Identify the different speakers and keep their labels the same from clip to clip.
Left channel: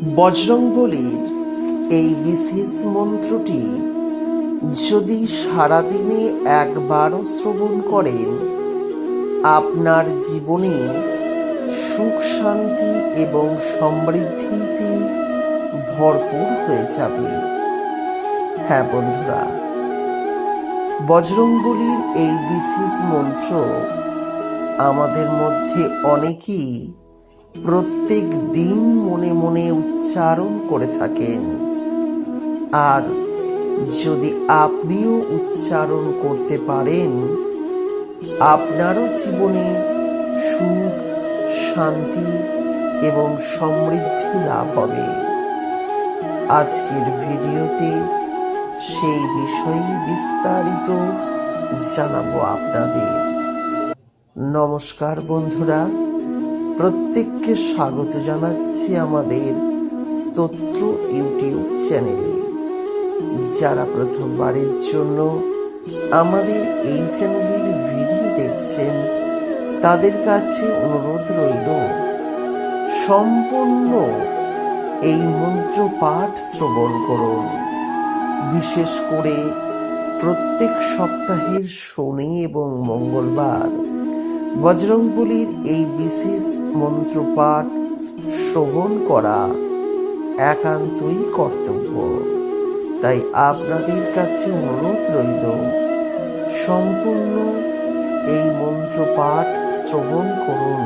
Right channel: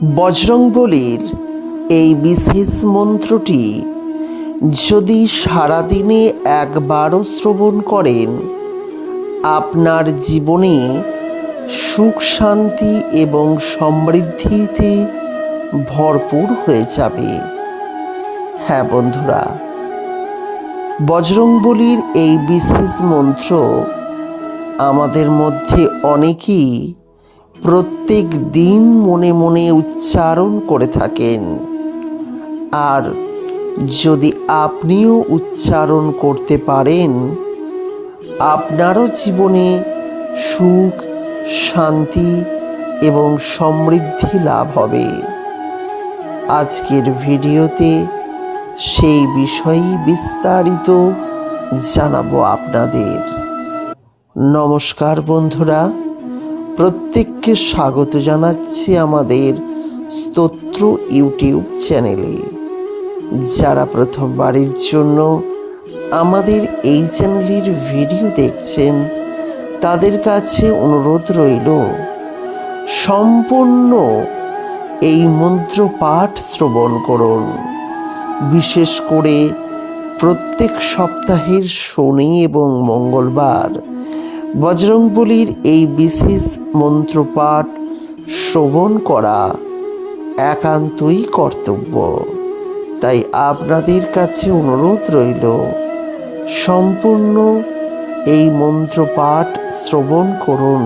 Speaker 1: বজরংবলীর এই বিশেষ মন্ত্রটি যদি সারাদিনে একবারও শ্রবণ করেন, আপনার জীবনে সুখ, শান্তি এবং সমৃদ্ধিতে ভরপুর হয়ে যাবে। হ্যাঁ বন্ধুরা, বজরংবলীর এই বিশেষ মন্ত্র আমাদের মধ্যে অনেকেই প্রত্যেক দিন মনে মনে উচ্চারণ করে থাকেন। আর যদি আপনিও উচ্চারণ করতে পারেন, আপনারও জীবনে সুখ, শান্তি এবং সমৃদ্ধি লাভ হবে। আজকের ভিডিওতে সেই বিষয়ে বিস্তারিত জানাব আপনাদের। নমস্কার বন্ধুরা প্রত্যেককে স্বাগত জানাচ্ছি আমাদের স্তোত্র ইউটিউব চ্যানেলে। যারা প্রথমবারের জন্য আমাদের এই চ্যানেলের ভিডিও দেখছেন, তাদের কাছে অনুরোধ রইল, সম্পূর্ণ এই মন্ত্র পাঠ শ্রবণ করুন। বিশেষ করে প্রত্যেক সপ্তাহের শনি এবং মঙ্গলবার বজরংবলীর এই বিশেষ মন্ত্রপাঠ শ্রবণ করা একান্তই কর্তব্য। তাই আপনাদের কাছে অনুরোধ রইল, সম্পূর্ণ এই মন্ত্রপাঠ শ্রবণ করুন।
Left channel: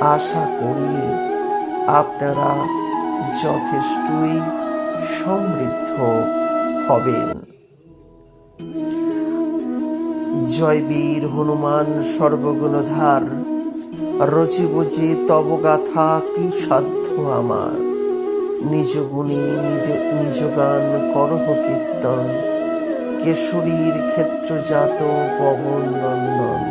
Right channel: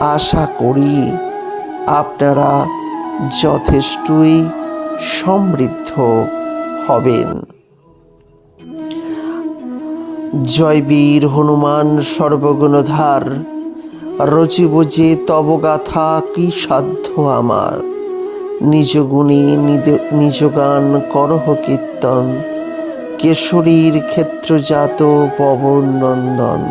Speaker 1: আশা করি আপনারা যথেষ্টই সমৃদ্ধ হবেন। জয় বীর হনুমান সর্বগুণধার। রচি বুঝে তব গাথা কি সাধ্য আমার? নিজ গুণী নিজ গান করহ কীর্তন। কেশরীর ক্ষেত্রজাত পবন নন্দন।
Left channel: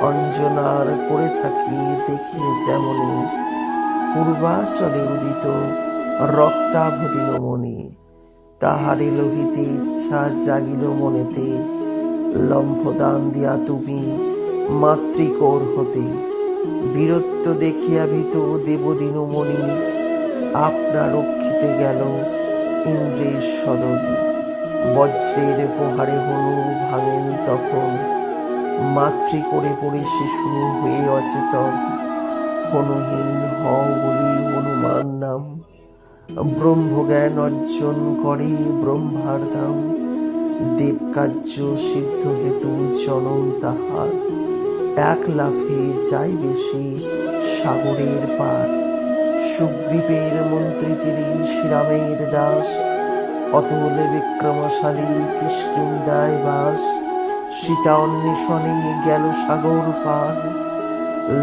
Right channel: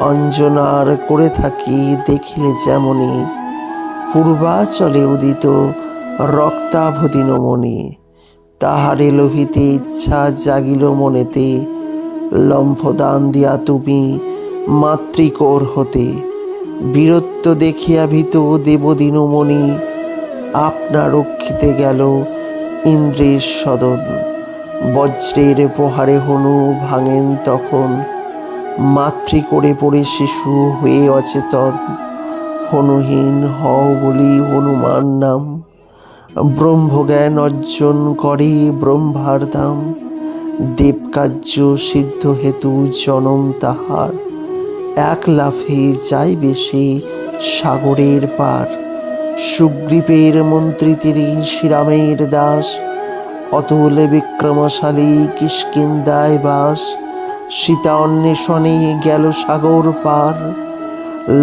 Speaker 1: অঞ্জনার করে থাকি দেখিলে যেমনি। পূর্বাচলে উদিত রক্তাভদিনমণি। তাহারে লোহিতে ইচ্ছা জাগিল মনেতে লম্ফদান দিয়া তুমি মাতৃকোর হতে। বীরত্ব দেখিয়া ভীত দেবদিনমণি আপনা রক্ষিতে গেল ইন্দ্রের সদন। বজ্রের প্রহারে হনু ভাঙেন তখন। মাতৃ করে পড়ে শিশু হয়ে অচেতন। হনুহীন হও বলি হনুমান নাম। ব্রহ্মজ্ঞান অর্জন করে ব্রহ্মার দাম। দেবকার্য সিদ্ধ হেতু জনম তাহার। এক লাফে যাই বেশি সাগরের পার। সুগ্রীবের মন্ত্রী তিনি শ্রীরামের দাস। অতুল বিক্রমশালী কিষ্কিন্দায় বাস। সীতা অন্বেষণে গেল সাগর পার।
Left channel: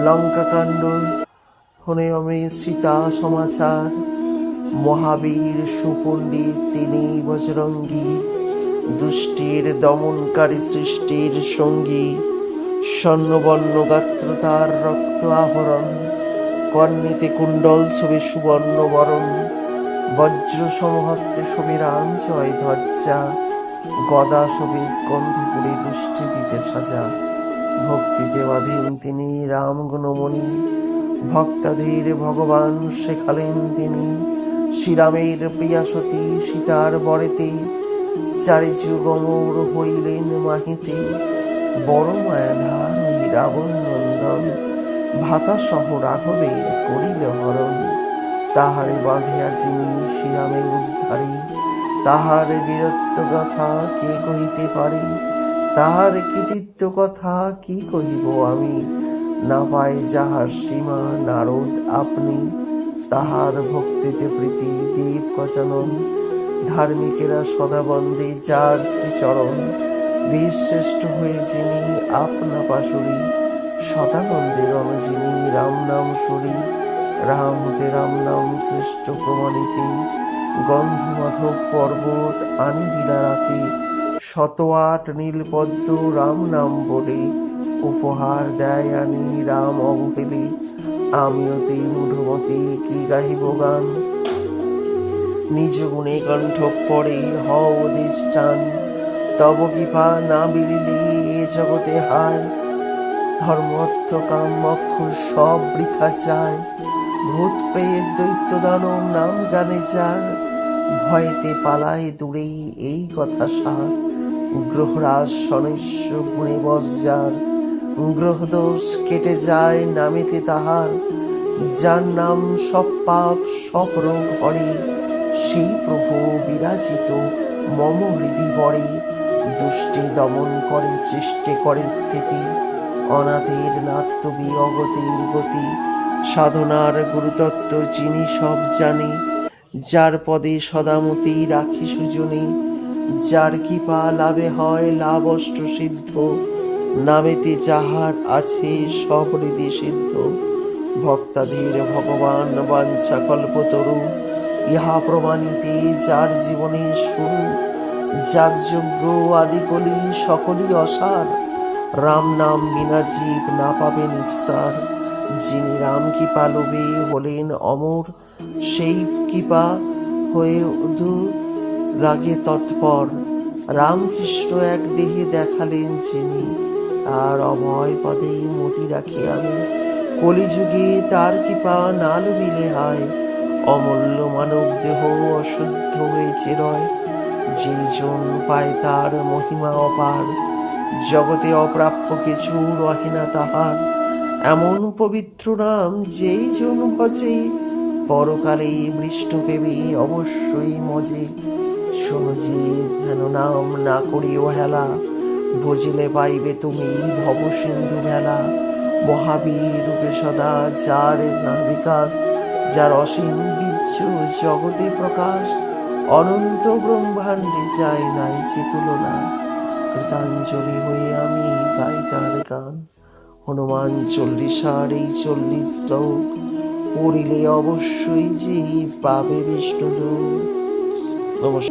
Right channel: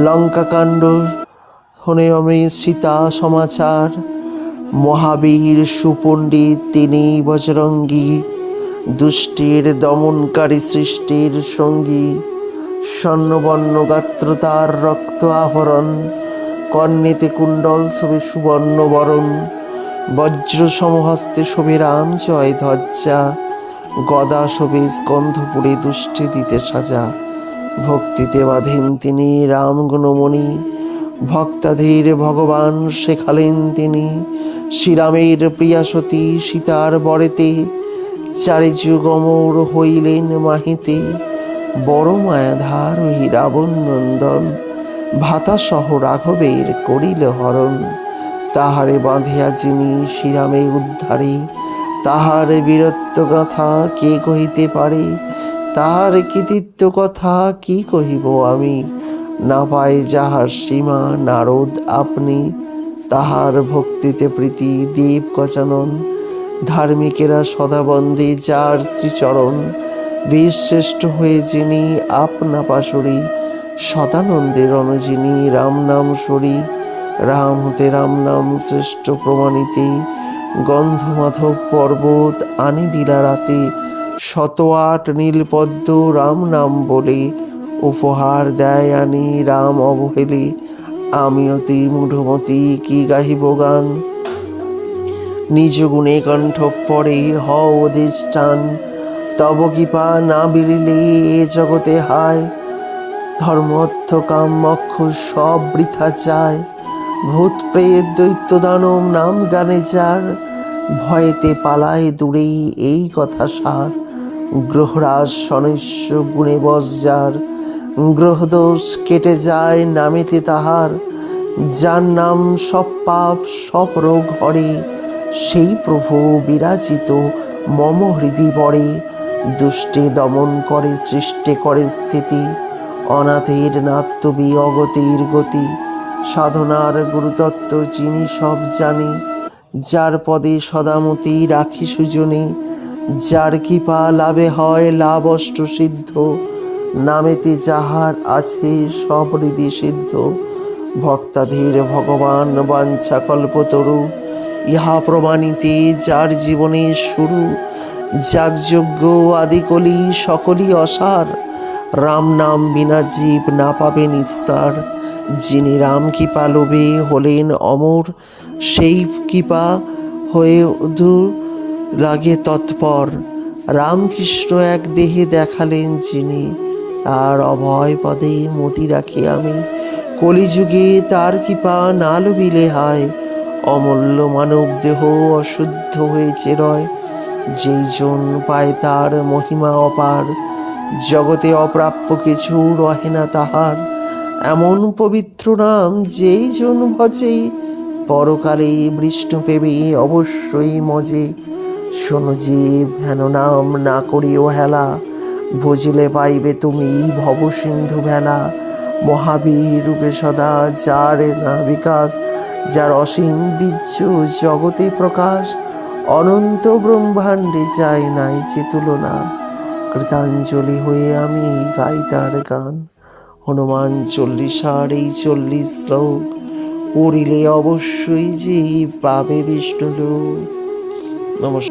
Speaker 1: লঙ্কাকাণ্ড হনেয়মে সীতা সমাচার। মহাবীর সুপণ্ডিত তিনি বজরঙ্গী দুষ্টের দমনকারী সৃষ্টির সঙ্গী, স্বর্ণবর্ণ গাত্র তার রক্ত আহরণ, কর্ণেতে কুণ্ডল ছবি সুবর্ণ বরণ বজ্র সমহস্তে শোভে রাম জয় ধ্বজা, গদা শোভে স্কন্ধপুরে দুষ্টি দিতে সাজা, ভক্তিতে বাঁধেন তিনি রাম গুণমণি, ভক্তাধীর ভগবান শেখালেন তিনি, শ্রীরামের প্রিয়া সতী সীতার বরেতে চারি যুগমর হইলেন মাহিতে। বড় মায়াধার ওই রাবণ নন্দন, ভাতা সহ রাঘবের করিল হরণ। তাহারে বাঁধিয়া যিনি শ্রীরামে উদ্ধারে, তাহার বীরত্ব কথা কে কহিতে পারে? তাহার কৃতিত্ব কথা কি কহিব আমি? না পাই যাহার সীমা নারদ আপনি, তাহার ভক্তিতে প্রীতি দেব গজানন ধার্মিকেরা সদা বন্দে যার শ্রীচরণ। বীর শ্রেষ্ঠ হয়ে যিনি আপনা পাশরি সদানন্দের অনুজিনী রাম নাম সরি, রাম হতে রাম নাম শ্রেষ্ঠ প্রমাণিতে, গন্ধমাধব পর্বত আনি দিলা রাতে, শত আট নীলপদ্ম রাম নাম বলে উপহার দেয় আনি, রাম অবহেলে আমি অতি মূঢ়মতি কি গাহিব গান? নিজ গুণে কণ্ঠ পরে হও অধিষ্ঠান তব কৃপা না বিলিলে এ জগতে হায়। ধর্ম অর্থ কাম মক্ষ সব বৃথা যায়। ভূত প্রেত দৈত্য দানব নাম গানে যার। ভয়েতে পালায় দূরেই এই কথা সার। গ্রহরাজ সনৈশ্য গুণে বস যার। গ্রহদোষ কেটে যায় নামেতে তাহার। যার নাম সব পাপ সব রোগ হরে। সেই প্রভু বিরাজিত, মম হৃদি বড়ে দুষ্টে দমন করে, সৃষ্টি করে স্থিতি, অনাথের নাত্যবি অগতির গতি, সাধনার গুরুতত্ত্ব যিনি সব জানে, যার পদে সদামতি রাখি সুজনে, যার কৃপা লাভে হয় লাভ অষ্ট সিদ্ধ, নামেতে যাহার আছে সব হৃদি সিদ্ধ, ভক্তাধীর ভগবান বাঞ্ছা কল্পতরু ইহা প্রমাণিতে যার জীবনে শুরু, যাগযজ্ঞ আদিকলি সকলই অসার। রাম নাম বিনা জীব না পাবে নিস্তার। যিনি রাম কৃপা লোভে হলেন অমর, সেই কৃপা হয়ে দূর লাগে তৎপর। রামকৃষ্ণ এক দেহে দেখালেন যিনি, তার অভয় পদে মতি রাখি আমি। কলিযুগে তার কৃপা না লভিলে হয় অমূল্য মানব দেহ অশুদ্ধ হয়েছে রয় যেই জন পায় তার মহিমা অপার। জগতে অপ্রাপ্য কিছু রহে না তাহার। এমন পবিত্র নাম যেই জন ভজে। পরকালে বৃষ্ণ পেবে অবশ্যই মজে। শোনো জীব হেন নাম না করিও হেলা। ভজিলে পাইবে তুমি ভবসিন্ধু ভেলা। মহাবীর রূপে সদা যার না বিকাশ। যার অসীম বীর্য জগতে প্রকাশ, অনন্ত ব্রহ্মাণ্ডে যায় নাই যে তুলনা। কৃতাঞ্জলি হয়ে আমি গাই তার গান। হনুমান চল্লিশ আর এই চল্লিশ শ্লোক, পড়িলে অবশ্যই যে পাবে বিষ্ণু নমস্কার।